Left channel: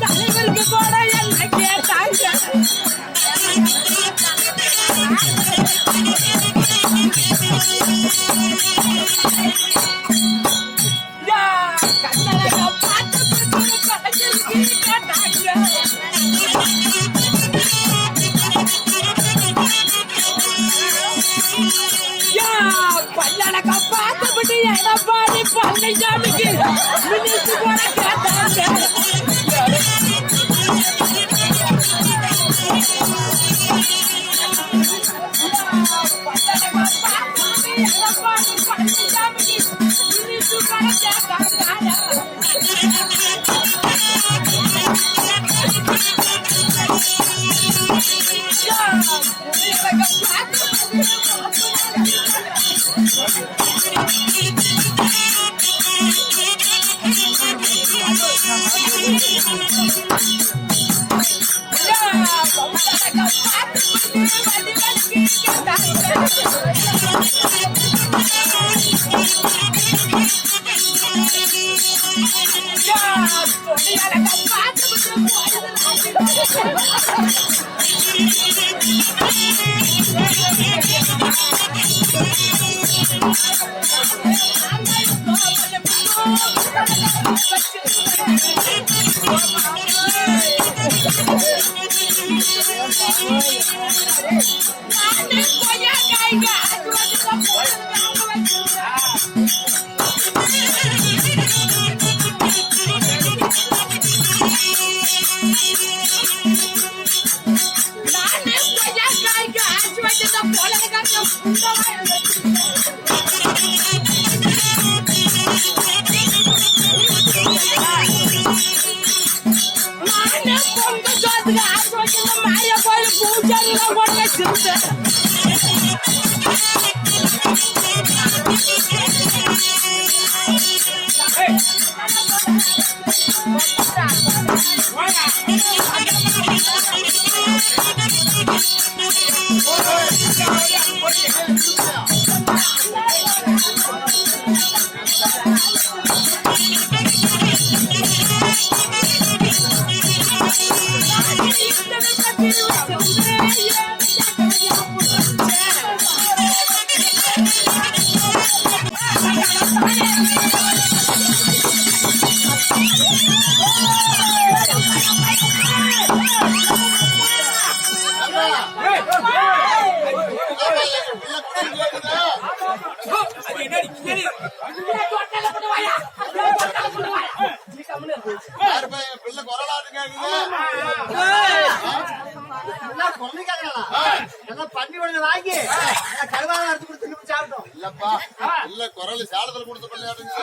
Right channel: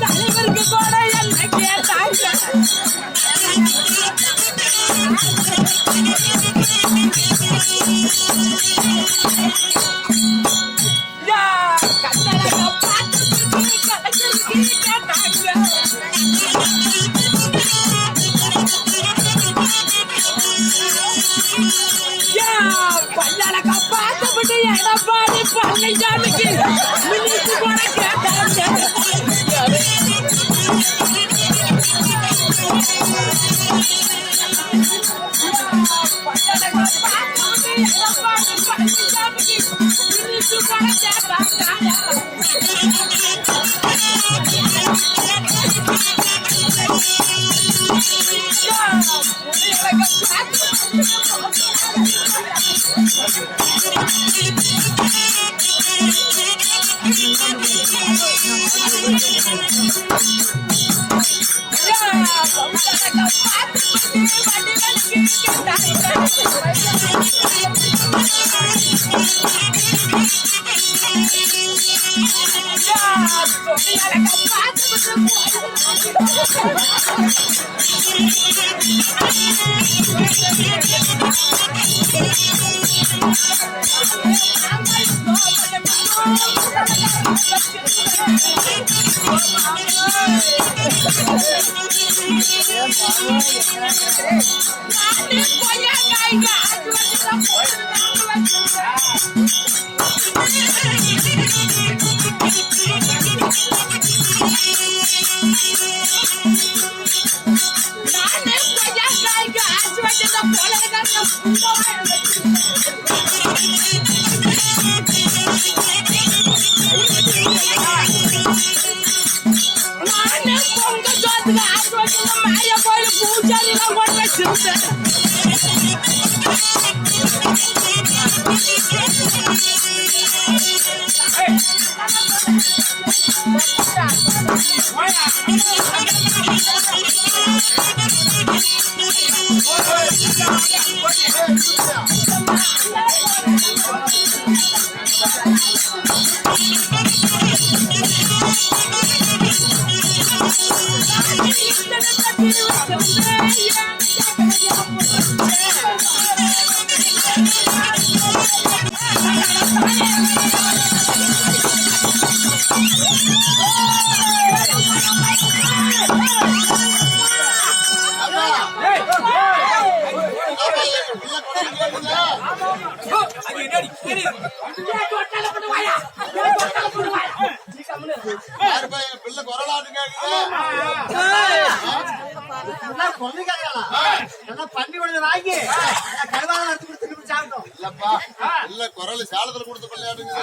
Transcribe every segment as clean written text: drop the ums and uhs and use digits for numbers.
தலைவருக்கு கூட என்ன கேட்டாங்க. பல்லடக்க பார்த்தபடி எடப்பாடி பழனிசாமிக்கு மினிஸ்ட் கூட கேட்டாங்க. பல்லடக்க பார்த்தபடி எடப்பாடி பழனிசாமிக்கு மினிஸ்ட் கூட கேட்டாங்க. மாரியா கோயில் பூஜாரி பண்ணி வாங்கி கருவாத எடுத்து கொடுத்து சாப்பிட்டோம். இல்லப்பா இல்ல குரல் சாலத்துல கொடுத்த பள்ளியாடுங்க.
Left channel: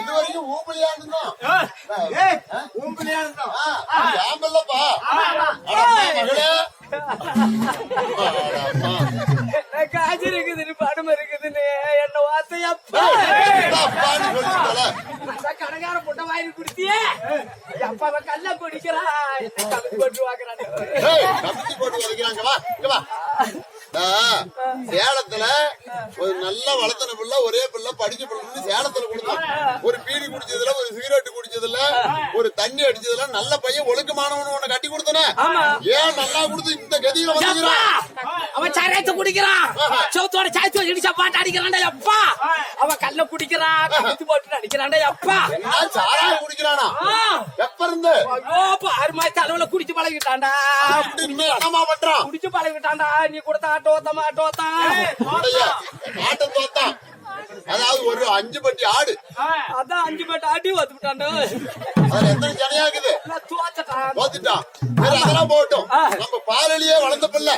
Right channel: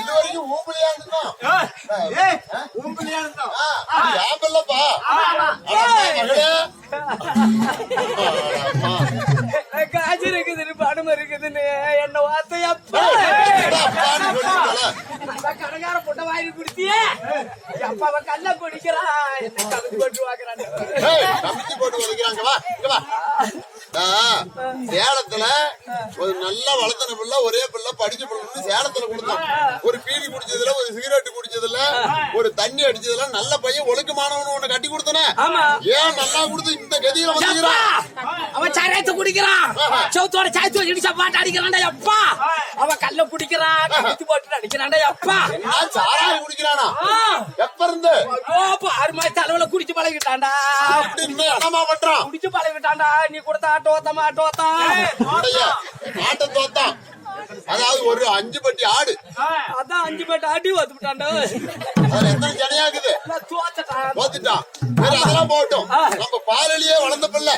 இது வரைக்கும் ஊம்பலியா இருந்தோம். ஊம்பலியா இருந்தோம் காஜி இருக்குதுன்னு பணம் இருக்குதுன்னு என்ன வார்த்தையப்பா கடைக்கார பொட்ட வாங்கி குடுத்தியே அப்பாவை கல்ல குடிக்கிறான் போட்டு வாக்குறாங்க. போட்டு வதைக்கிறாங்க. சேலத்துல ஒரு நல்லா வளர்த்தன பிள்ளை ஒரே பிள்ளை படிச்ச பிள்ளை சேலத்துல கொடுத்தான். ஒரு பீடி குடிச்சதுல ஒரு சிகரெட் குடிச்சதுல ஒரு தண்ணி அடிச்சதுல நல்ல பையன் ஒழுக்கமானவனு உன்னை கட்டி கொடுத்தன. ஏன் நல்லா கொடுத்து இந்த கதியில வந்துக்கிறான்? அவன் சாராயத்தை குடிக்கிறான், சவுத்தோட சாயத்தோட இடிச்சா பாட்டு அடிக்கிறான்டா அப்பா. அவன் கல்ல குடிக்கிறான், போட்டு அடிக்கிறான்டா அப்பா. என்ன சாராயம் குடிக்கிறானா? எப்ப இருந்து? 6 மாசத்து அளவுல குடிச்சு பழகிட்டான்டா. அப்படின்னு என்னமா பண்றான்? குடிச்சு பழகிட்டான்டா. நீ கொடுத்த ஆட்டோத்தமா ஆட்டோத்தான் ஆட்ட தோத்தான். அதாவது ஒரு 5 பட்டி ஆடு, அதான் 5 பட்டி ஆடி வந்துட்டான்டா. அதுல எத்தனை ஜனையாக்குது? தோத்துட்டான். சரி, அதெல்லாம் போகட்டும். நம்ம பாலலியே வளர்ந்த பிள்ளை,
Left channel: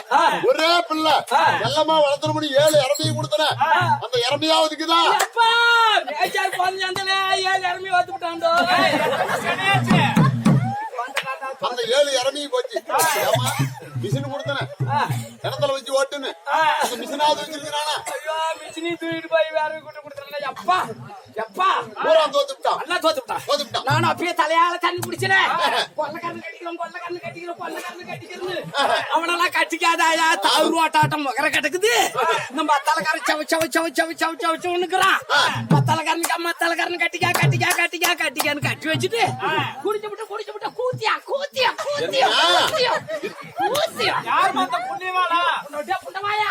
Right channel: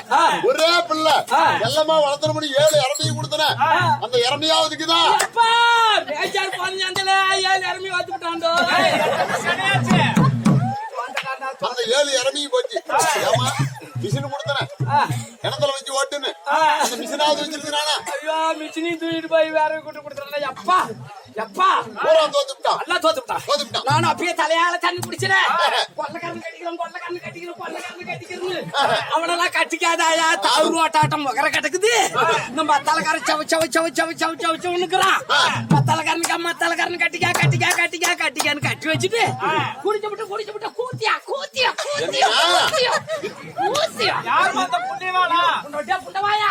ஒரே பிள்ளை எல்லாமா வளர்த்துற முடி 7 இறமையும் கொடுத்தன. அந்த இறமையாவதுக்குதா அந்த 7 இறமையும் போச்சு. ஏமா மிஷின் கொடுத்தன கிணத்துல வச்சு ஓட்டுன்னு மிஷினாவது வச்சிருந்தானா? ஐயோ மிஷினையும் தூக்கிட்டு போய் வேற கூட்டு கொடுத்துறேன் அப்பா. எப்பா தோத்துட்டான், எல்லாம் தோத்துட்டான். நானும் அப்பயே தலையால தண்ணி குடிச்சிடேன். கொள்ளக்காரன் கட்டிக்கிறேன் அவனெல்லாம் கட்டிக்காதாயா? தாழ்வு ஆட்டாட்டம் முகர கிடக்குது. நம்ம தலைக்காரன் சவச்சவனுக்குறான். தலைக்காரனுக்கு அம்மா தலைக்காரன் கட்டிக்கான்னு கட்டி வச்சுட்டு குடிச்சு விட்டு கூத்தியா யார் மத்த புண்ணியவாளா புண்டவாயா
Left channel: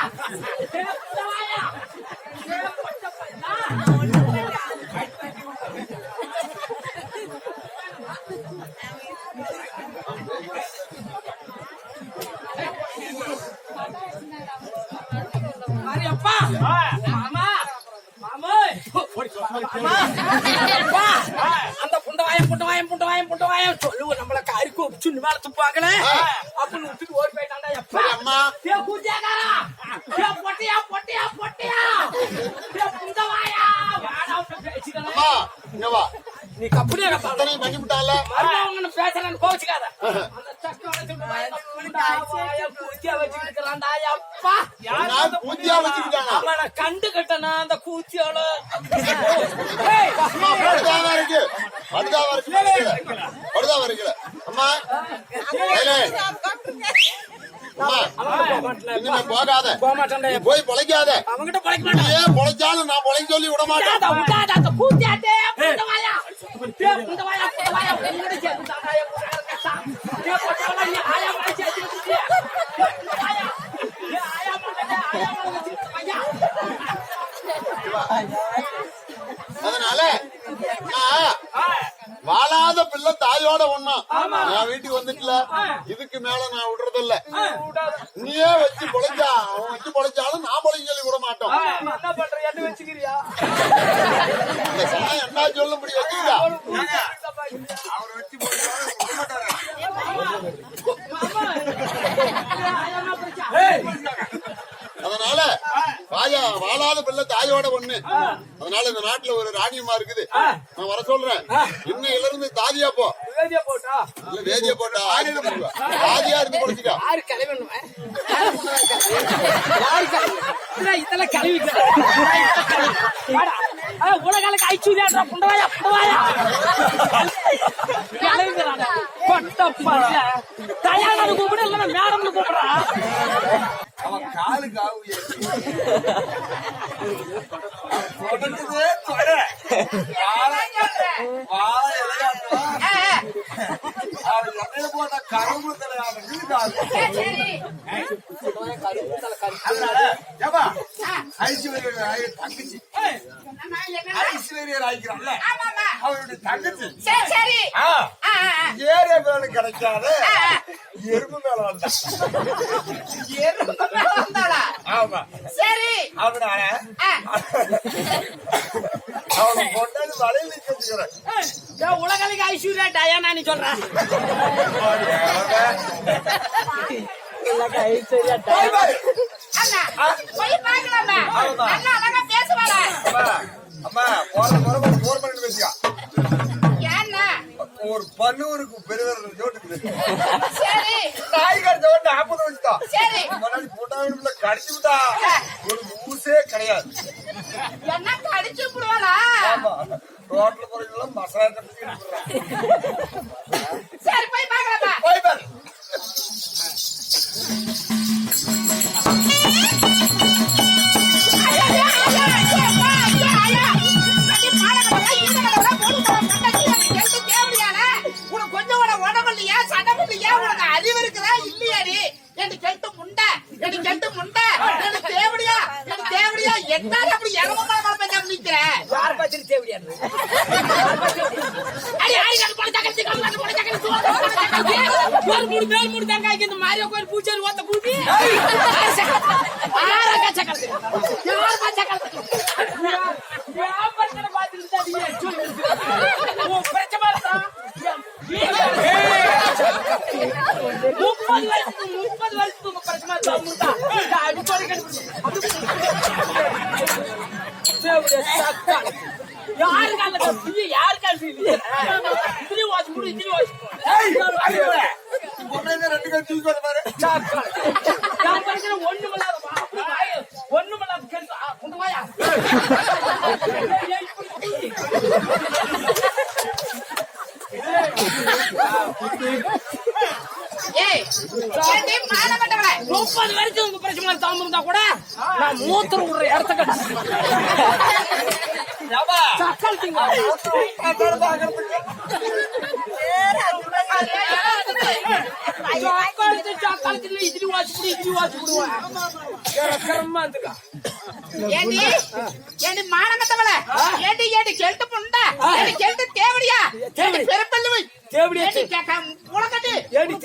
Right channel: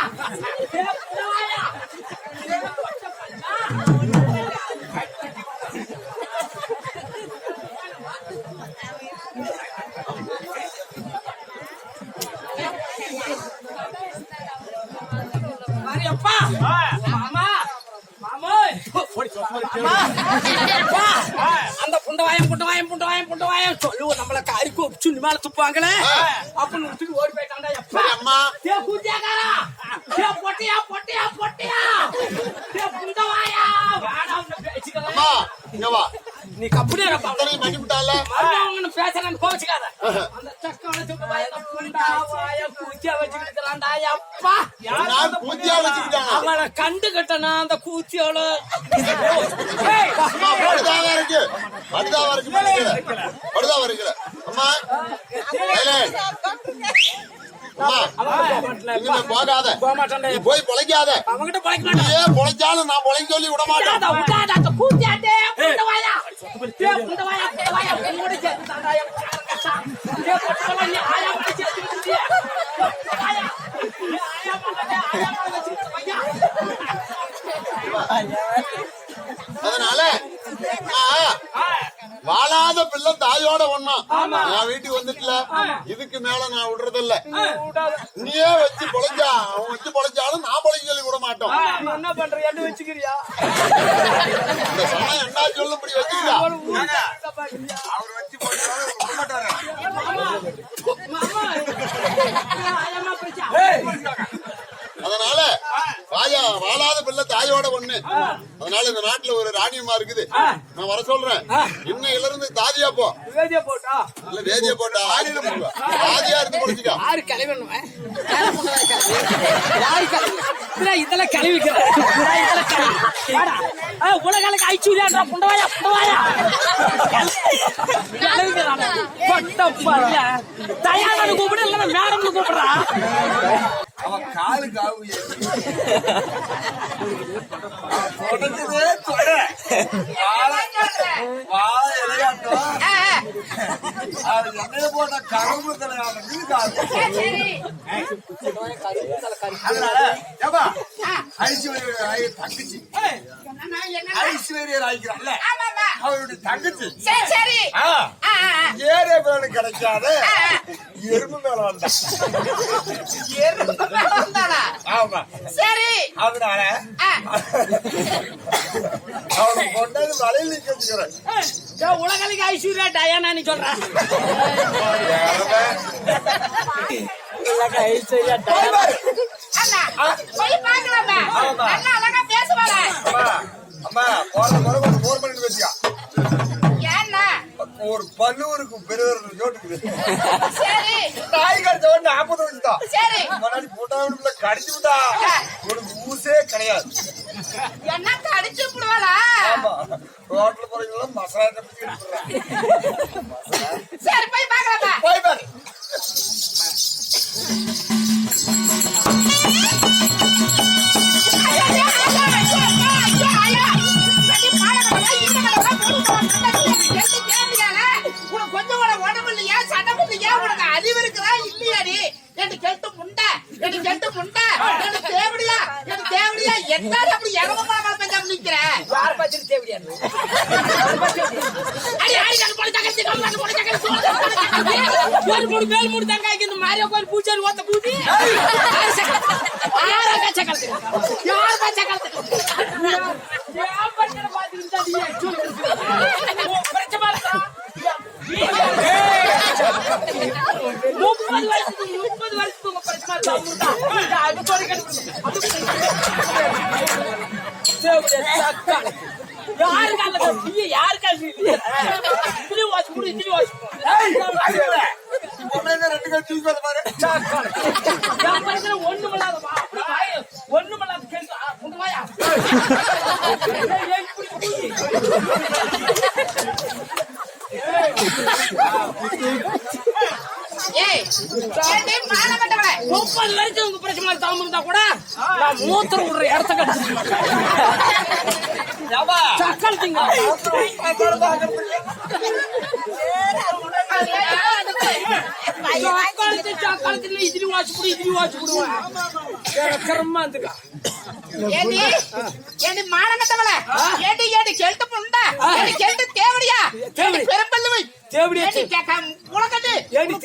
அப்பா மாமா அந்த புண்டவாயம் சொல்லு நம்மள காரிக்கு சுண்ணி மேல துப்பாங்களே அப்படின்னு ஓடி போயிட்டாண்டா. எப்பா கூத்தியாக்காரா பொட்டியா புண்டவாயா நீ கப்புனே பண்ணிவிட்டால பேசுறேன்னு கோச்சுக்காத. அந்த சக்கரை கூத்தியா வச்சுக்கிறான்டா. அப்பா அவளை கண்டு கட்டனா அந்த கூத்தியோட போகாத, போய் பொழைக்காத. ஏன் பொழைச்சாலும் நான் பொழைக்க சொல்லி விட மாட்டேன். அதனால வாழாத பிள்ளை தாயோட ஒண்ணா என் வீட்டுக்கு வந்துட்டுல இதுக்கு மேல நான் விடுறது இல்ல. நீயே வச்சு பொழைச்சா அவன் வச்சு பொழைச்சாலும் நான் பொழைக்க சொல்லி விட மாட்டோம். என்ன பண்ற என்ன வச்சுக்கிறியா? இந்த சமயம் என்ன சொல்ல முடியும் வச்சுக்கிட்டா அவர் வச்சு போட்டாலும் விட மாட்டாரு. அதனால வாழாத பிள்ளை தாயோட ஒண்ணு. அதனால இந்த நாட்டுல ஒரு ராணியமா இருக்குது, நான் வர சொல்றேன். இன்னையில இருந்து தாதியா போ. இல்ல வேதியா போட்டா தாதியா இருந்து பொழைச்சிக்கா. இதெல்லாம் கழுவிக்கிற உலகளுக்கு ஐச்சூரியா புண்டவாயா தயாரான கூப்பிட இல்ல மேடம் கூப்பிடுறான். அவன் காலுக்கு போட்ட கரும்பு தங்கச்சி ஐஸ்வர்யர் ஆயிக்கிறான்ல அவருடைய தங்கச்சி ஏரியா மேல கிடைக்காத எறும்பு மேல வந்தா. ஆமா சரி அதனால அவனை கொண்டாந்து வலையில் நிக்க வச்சுக்கிறேன். உலகளுக்கு ஐஸ்வர்யா டயானா நீ சொல்ற ஒரு பல்லூருக்கு பெருதர் ஜோட்டுக்குது. காய்கறி ஜோட்டு 40 வச்சுதான் முன்னாடி போட்டா கடிச்சு விட்டா உனக்கு ஊசே கிடையாது. என்ன கடிச்சு ஆமா ரோட்ல போறீங்களா மசாலா சரி போய் பாக்கலாம் போய் பாரு. எனக்கு கெட்டு முண்டை எனக்கு தேவடியா என்னால அப்படி இறமமா பெஞ்சா நிக்கிற யார் பத்தி தேவடியா அடி அடி கட்டு போல தகச்சி கம்மாட்டு போல தகச்சி சோறு ஒரு மூணு மேல் மூணு தங்காய்க்கு இந்த மாரியா கோயில் பூச்சாரி ஓத்த பூச்சி கூட நான் மூத்திரம் விடுற இடத்த சக்கல் திங்க சக்காலத்துல இதிரி வாச்சு போடுவேன் கரமா இருந்துக்கா ஏண்டி மானமத்தவள ஏண்டி கெல்ட்டு புண்டா ஏண்டி கெல்ட்டு தேவடியா ஏண்டி பெருப்பல்லுவை தேவடியா ஏண்டி கேக்க உலகத்து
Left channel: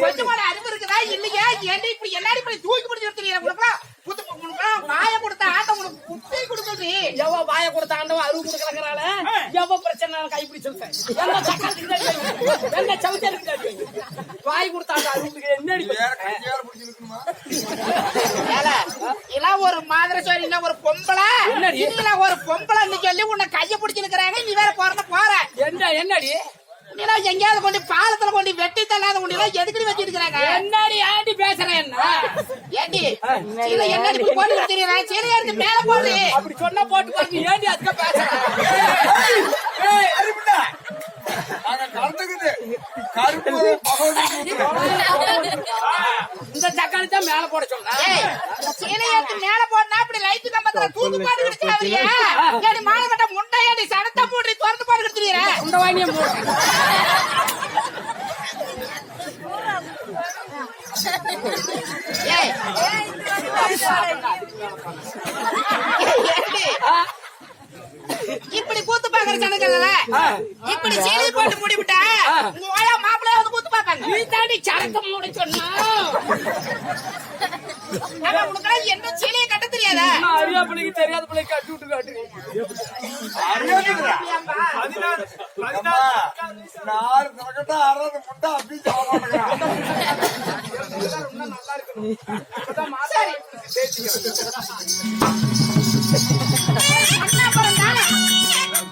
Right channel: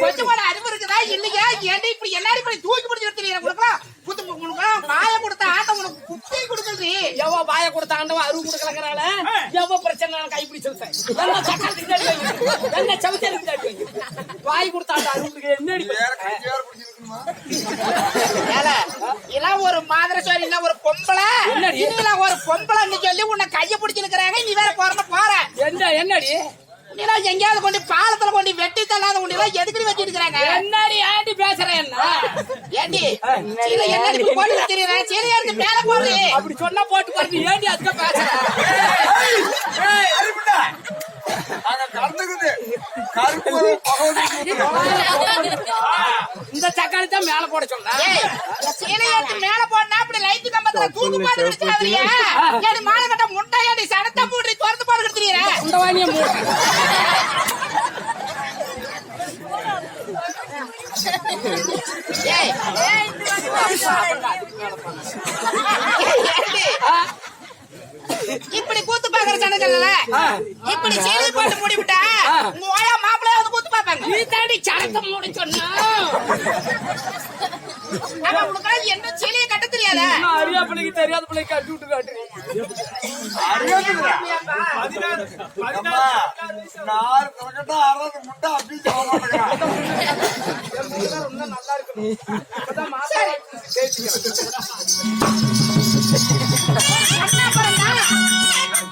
கொஞ்சம் கூட அறிவு இருக்குதா இல்லையா ஏண்டி இப்படி எல்லாரும் இப்படி தூக்கி பிடிச்சு எடுத்துறீங்க உனக்கு புத்து உனக்கு வாய கொடுத்த ஆட்டம் உனக்கு புத்தி கொடுக்குது எவ வாய கொடுத்த ஆண்டவன் அருள் கொடுக்கறங்கனால எவ பிரச்சனை கைப்பிடி சொல்றேன் என்ன சக்கரத்துக்கு என்ன சவுச்சருக்கு வாய் கொடுத்த ஆண்ட அருள் கொடுக்க என்னடி இல்ல ஒரு மாதிரி சோரி இல்ல ஒரு பொம்பளை இல்ல ஒரு பொம்பளைன்னு சொல்லி உன்னை கைய பிடிச்சிருக்கிறாங்க நீ வேற போற என்னடி உன்னெல்லாம் எங்கேயாவது கொண்டு பாலத்துல கொண்டு வெட்டி தள்ளாத உன்னெல்லாம் எதுக்கு வச்சிருக்கிறாங்க என்னடி ஆண்டி பேசுறேன் என்ன ஏண்டி சீலை என்னடி இப்படி போட்டு வச்சிருக்கிறேன் சீலையா இருக்கு மேல போடு அப்படி சொன்னா போட்டு போட்டு ஏண்டி அதுக்கு பேசுறேன் இந்த தக்காளி தான் மேல போட சொல்றேன் சீலையாத்து மேல போடனா அப்படி லைட் கம்பத்துல தூக்கு போட்டு வச்சிருக்காதீங்க ஏடி மானகட்ட முண்டையாடி சடத்த போட்டு திறந்து போட்டு வச்சிருக்கீங்க இந்த வாணியை மூடு ஏய் இப்படி கூத்து பாக்குற சனங்கள்ல இப்படி சீலை போட்டு மூடி விட்டா உங்க ஓயா மாப்பிள்ளை வந்து கூத்து பாப்பாங்க நீ தாண்டி சரத்தை மூட சொன்னா உனக்கு என்ன சீலையை கட்ட தெரியாத அரியா பிள்ளைக்கு தெரியாத பிள்ளை கட்டி விட்டு காட்டுறீங்க நல்லா இருக்கணும்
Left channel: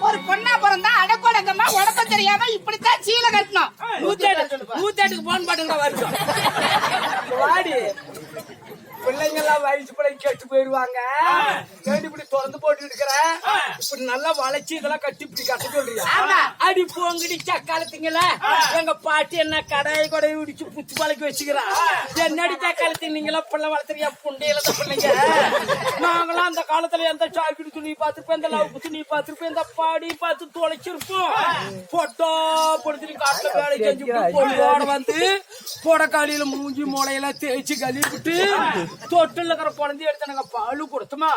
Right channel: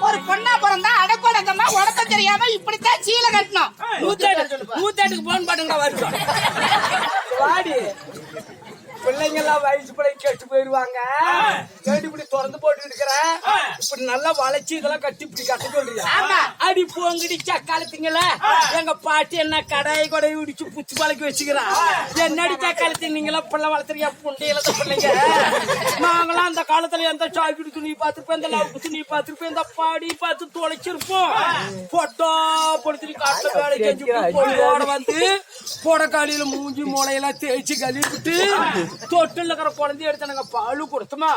ஒரு பொண்ணா பிறந்தா அடக்கொடக்கமா உடப்ப தெரியாம இப்படித்தான் சீலை கட்டணும் 108க்கு போன் பாட்டுங்க வருஷம் வாடி பிள்ளைங்க எல்லாம் வயசு பிள்ளைங்க கெட்டு போயிருவாங்க இப்படி திறந்து போட்டு இருக்கிற இப்படி நல்லா வளைச்சு இதெல்லாம் கட்டி இப்படி கட்ட சொல்றியா அடி போங்கடி சக்காலத்திங்கள எங்க பாட்டி என்ன கடாய் கொடை உடிச்சு புத்து பழக்கி வச்சுக்கிறான் என்னடி சக்காலத்தி நீங்களா பிள்ளை வளர்த்துறியா புண்டையில பிள்ளைங்க நாங்களாம் அந்த காலத்துல எந்த சாப்பிட்டு துணி பார்த்திருப்போம் இந்த லவ் துணி பார்த்திருப்போம் இந்த பாடி பார்த்து தொலைச்சிருப்போம் பொட்டா பொடுத்துட்டு காட்டுல வேலை செஞ்சு பொய்யோட வந்து பொடக்காலியில மூஞ்சி மூளையெல்லாம் தேய்ச்சி கழுவி விட்டு தொட்டில் இருக்கிற குழந்தைய எடுத்து எனக்கு பாலு கொடுத்தமா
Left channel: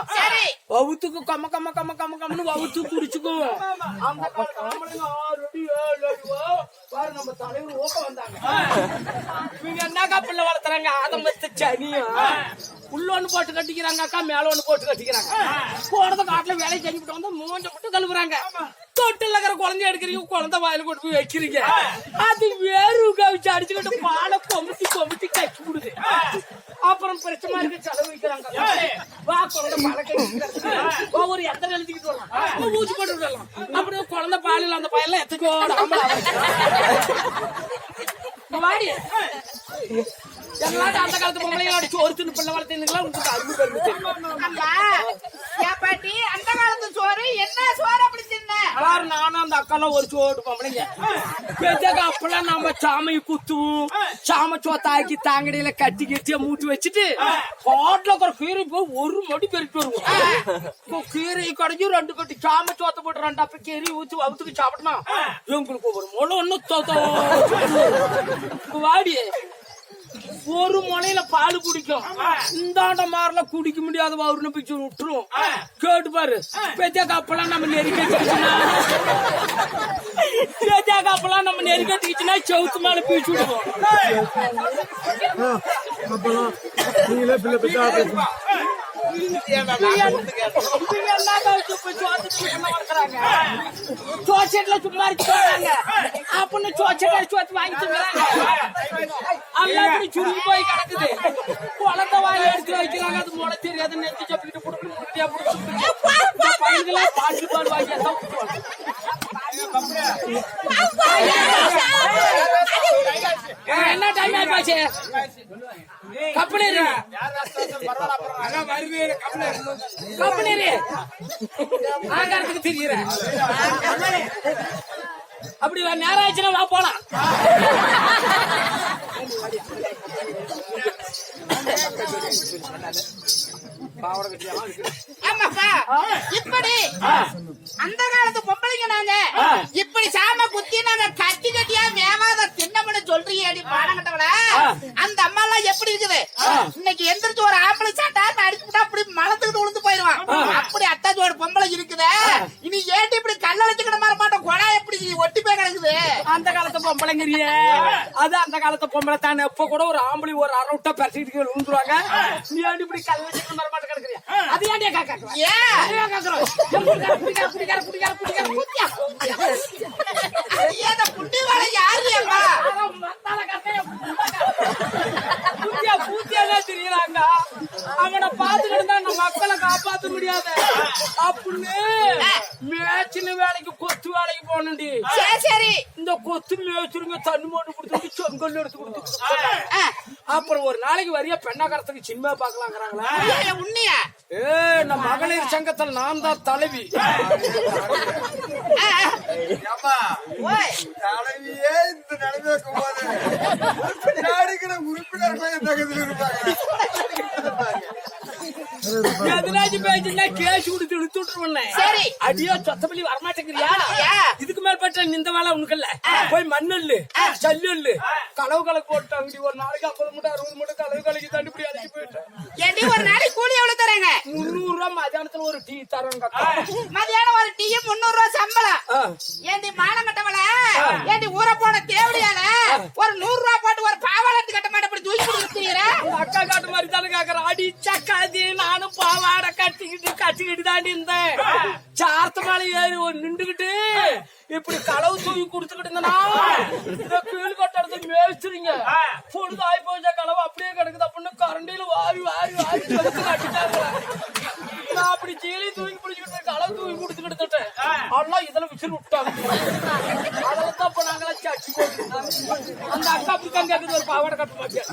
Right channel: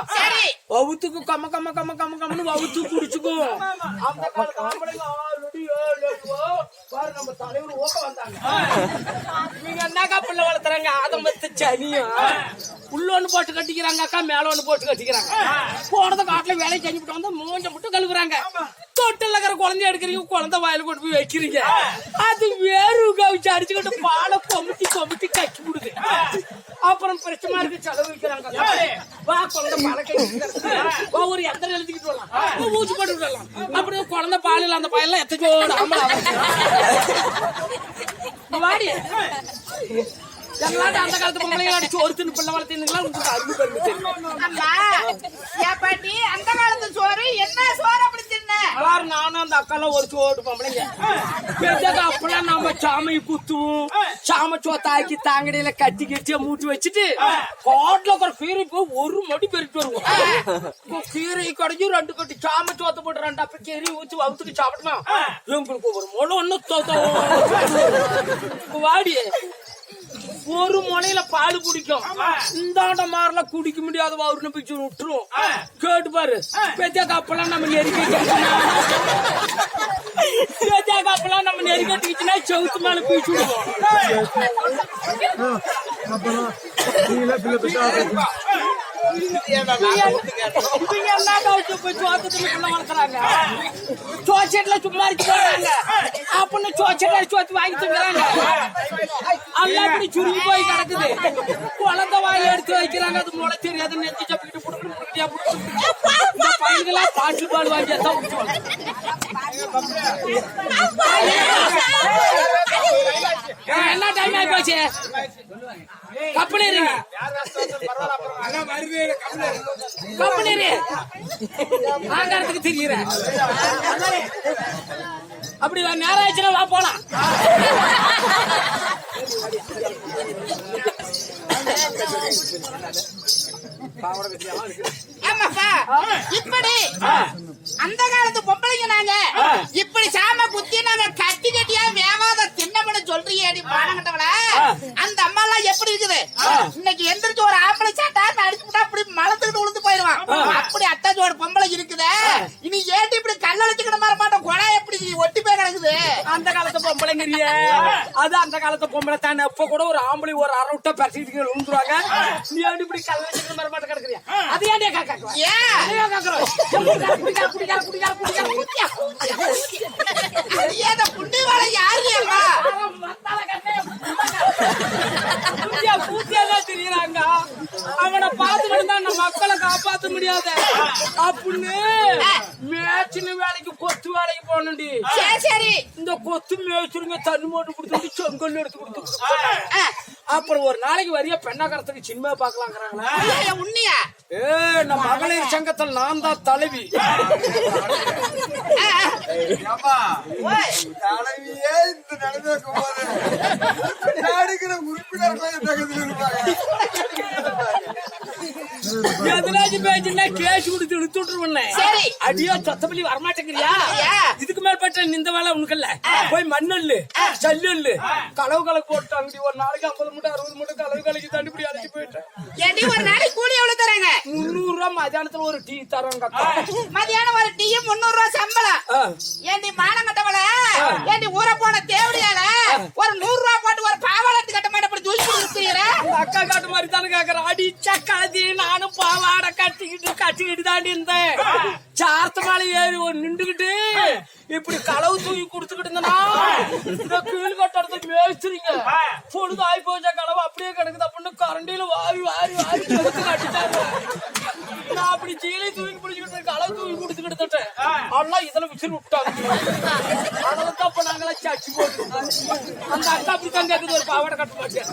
வவுத்துக்கு கம்ம கம்ம கம்ம கம்ம கம்மனு வவுத்து குடிச்சுக்கும் அந்த காலத்துல ஆம்பளைங்க 6 அடி 7 அடி பாரு நம்ம தலைவர் ஓக்க வந்தாங்க இவங்க என்னக்கா பிள்ளை வளர்த்துறாங்க ஆதம்பத்து சனியும் உள்ள ஒண்ணு போட்டு கட்டிக்கிறாங்க அக்கா மேல ஒண்ணு போட்டு கட்டிக்கிறாங்க போனத காட்டுல வேலை செஞ்சுட்டு வந்து மூஞ்ச மட்டும் கழுவுறாங்க தொட்டில் இருக்கிற குழந்தைய எடுக்கிறீங்க குழந்தை வாயில கொண்டு போய் வைக்கிறீங்க அது வேறு கவிச்சு அடிச்சுக்கிட்டு பாலை கொமிட்டி கட்சி விடுது அப்புறம் பிரச்சனை இருக்கு செலவு வைக்கிறாங்க வா குழந்தை பாலை ஒரு எத்தனை எழுதிக்கிட்டு வரலாம் ஊசி போட்டு விடலாம் அப்புறம் குழந்தை பாலில் அந்த பாயெல்லாம் எத்தனையோட வாடி எங்களாட்ட அந்த காலத்து பொம்பளைங்களோட சோறு தின்னு பிள்ளை வளர்த்தீங்களா உங்களுக்கு அருமை பாட்டி அந்த காலத்து சோறு என்ன சோறு அப்படி தின்ன பாரு நானும் அந்த அக்காலாம் ஒரு சோறு பொம்பளைங்க அப்பெல்லாம் நம்ம சாமையை குத்துவோம் சாம சோத்தாக்கி தாங்கடியில கட்டி கட்டியா மூட்டி வச்சுட்டு காட்டுல ஒரு கீரை போய் ஒரு மடி பெருட்டு வருவோம் கீரை கடைக்கு 2 கட்டி சாம சோத்த போட்டு 2 அப்ப கீரை ஊத்தி வவுத்துக்கு சாப்பிடுமா எங்களுக்கு ஒரு முளை ஒண்ணு வாடி ஒரு முனையில பால் குடிக்கும், இந்தாண்ட மாதிரிலாம் குடிக்க முடியாத அவருன்னு பிச்சு விட்டுரும். கேட்டு பாரு, பெத்த கப்பெல்லாம் நம்ம நெருக்கட்டிச்சுன்னா செவுத்து மேல பீச்சு விடுவோம். சோச்சேட்ல சும்மா இருக்கிறாங்க அப்படின்னு சோச்சு வாங்கி தந்துறாங்க. எல்லாம் இப்படி சுருங்கி போய் கிடக்குது. குழந்தை வாங்கி எடுத்து வைக்கிறாங்க, அது முளை தெரியாது. நெத்தி சப்பிக்கிட்டு புடுக்கணும், முட்டியா புடுக்கணும். பையன்களா பாட்டி பால் வாங்கி என்ன டைம் ஆகி போச்சு. கப்பலேரி ஆங்காரத்துக்கு தெரியுற அப்படி நேரம் ஆச்சுன்னா வா போலாம். ஆமாப்பா, இப்படி அந்த காலத்து பொம்பளைங்க நாங்க இப்படி சாம குத்தி நாங்க கட்டி கட்டியா வேவாத தின்னமனு சொல்றீங்க. மானங்கட்டவள அந்த அம்மா எல்லாம் எப்படி இருக்குது இன்னைக்கு எந்திரிச்சு ஒரு ஆம்பளை சாட்டா அடிச்சு விட்டா அப்படி மலத்துக்கிட்டு உளுந்து போயிருவான். அப்படி அட்டாச்சோட பொம்பளை இருக்குது. இனி ஏட்டி இப்படி கல்லடிச்சுக்கிட மாற மாட்டோம். கொடா எப்படி ஒட்டி போய் கிடக்குது. அந்த காலத்து பொம்பளைங்கிறிய அது அந்த காலத்து பொம்பளை தானே. இப்ப கூட ஒரு ஆம்பளை ஒரு அரை விட்டா பரிசுக்கு விழுந்துருவாங்க. நீ ஏன் இப்படி கல்லடிச்சுக்கிற மாதிரி மாட்ட கிடக்குறியா? அது ஏன் கேட்கறோம்? தெரியுறாங்க. அவனை பார்த்துக்கிட்டு தான் நம்ம மக்களை காப்பாற்ற முடியாது அப்படின்னு மேய்ச்சின வேலைக்கு கொத்து வேலைக்கு போனண்டி. சரி, இந்த கொத்து மேய்ச்சிருங்க தண்ணி மோட்டு கொடுத்து செங்கல் எடுத்து கொடுத்து அப்புறம் ஒரு நாளைக்கு வரைய பெண்ணாகரத்துக்கு சினிமா பாக்கலாங்கிறாங்களா? உண்மையா? நம்ம மகளிர் சங்கத்தில் நான் தான் தலைவி. தலைவியே இந்த நிலைமைக்கும் போது நாடுகிற உறுப்பினர்கள் தகவல் இருப்பாங்க. எதனாச்சும் பேச்சுன்னா கேஸ் கொடுத்து எடுத்து விட்டுருவேன். அடியோ சொத்தப்பள்ளி வரமாட்டேங்கிறியா? இதுக்கு மேற்பட்ட இந்த வேலை உனக்கு இல்ல. போய் மண்ணல்லு சல்லு களவு கலக்கு போட்டு அங்கடி ஒரு நாளைக்கு 50 மூட்டை 60 மூட்டை களவு கலக்கி தண்ணிப்படி அழைச்சி போயிட்டேன். ஒரு நாளைக்கு கூலி எவ்வளவு தராங்க? 300 ரூபாய். மத்தியானத்துல ஒரு டீ தராங்க. மதியானம் ஒரு டீ 300 ரூபாய் சம்பளம். ஏண்டி மானம் கட்டவள, ஏண்டி ஊற போன தேவடியால ஒரு 100 ரூபாய் போட்டு ஒரு பாவாடத்து கட்ட மாட்டேன் அப்படி தூக்கி கொடுத்துறீங்க. அக்கா காட்டு மாதிரி தானே கேக்குறேன். அடிச்சா கதி நானும் பாவாடை கட்டிக்கிட்டு தாண்டி இருந்தேன். சார்த்த மேல ஏறி ஒரு நின்றுகிட்டு இப்படி களவு தூக்கி கொடுத்துக்கிட்டு இருந்தனா இந்த கீழ் கட்டடத்துக்கு மேய்ச்சிருங்க. பொழுது ஆகி போச்சா களவு அப்படியே கிடக்குது அப்படின்னு கரண்டியில வாரி வாரி வாரி எடுத்து கட்டிட்டாங்க. நான் அப்படி சீலி தூக்கி பிடிச்சிக்கிட்டு களவு தூக்கி கொடுத்துக்கிட்டு எல்லாம் இதுல விசில் விட்டாங்க. அதெல்லாம் தான் இப்ப நாங்களாம் சச்சி போட்டு அந்த அக்கா அப்படித்தான் கேட்குது ஒரு பாவாடை கட்ட மாட்டேன்.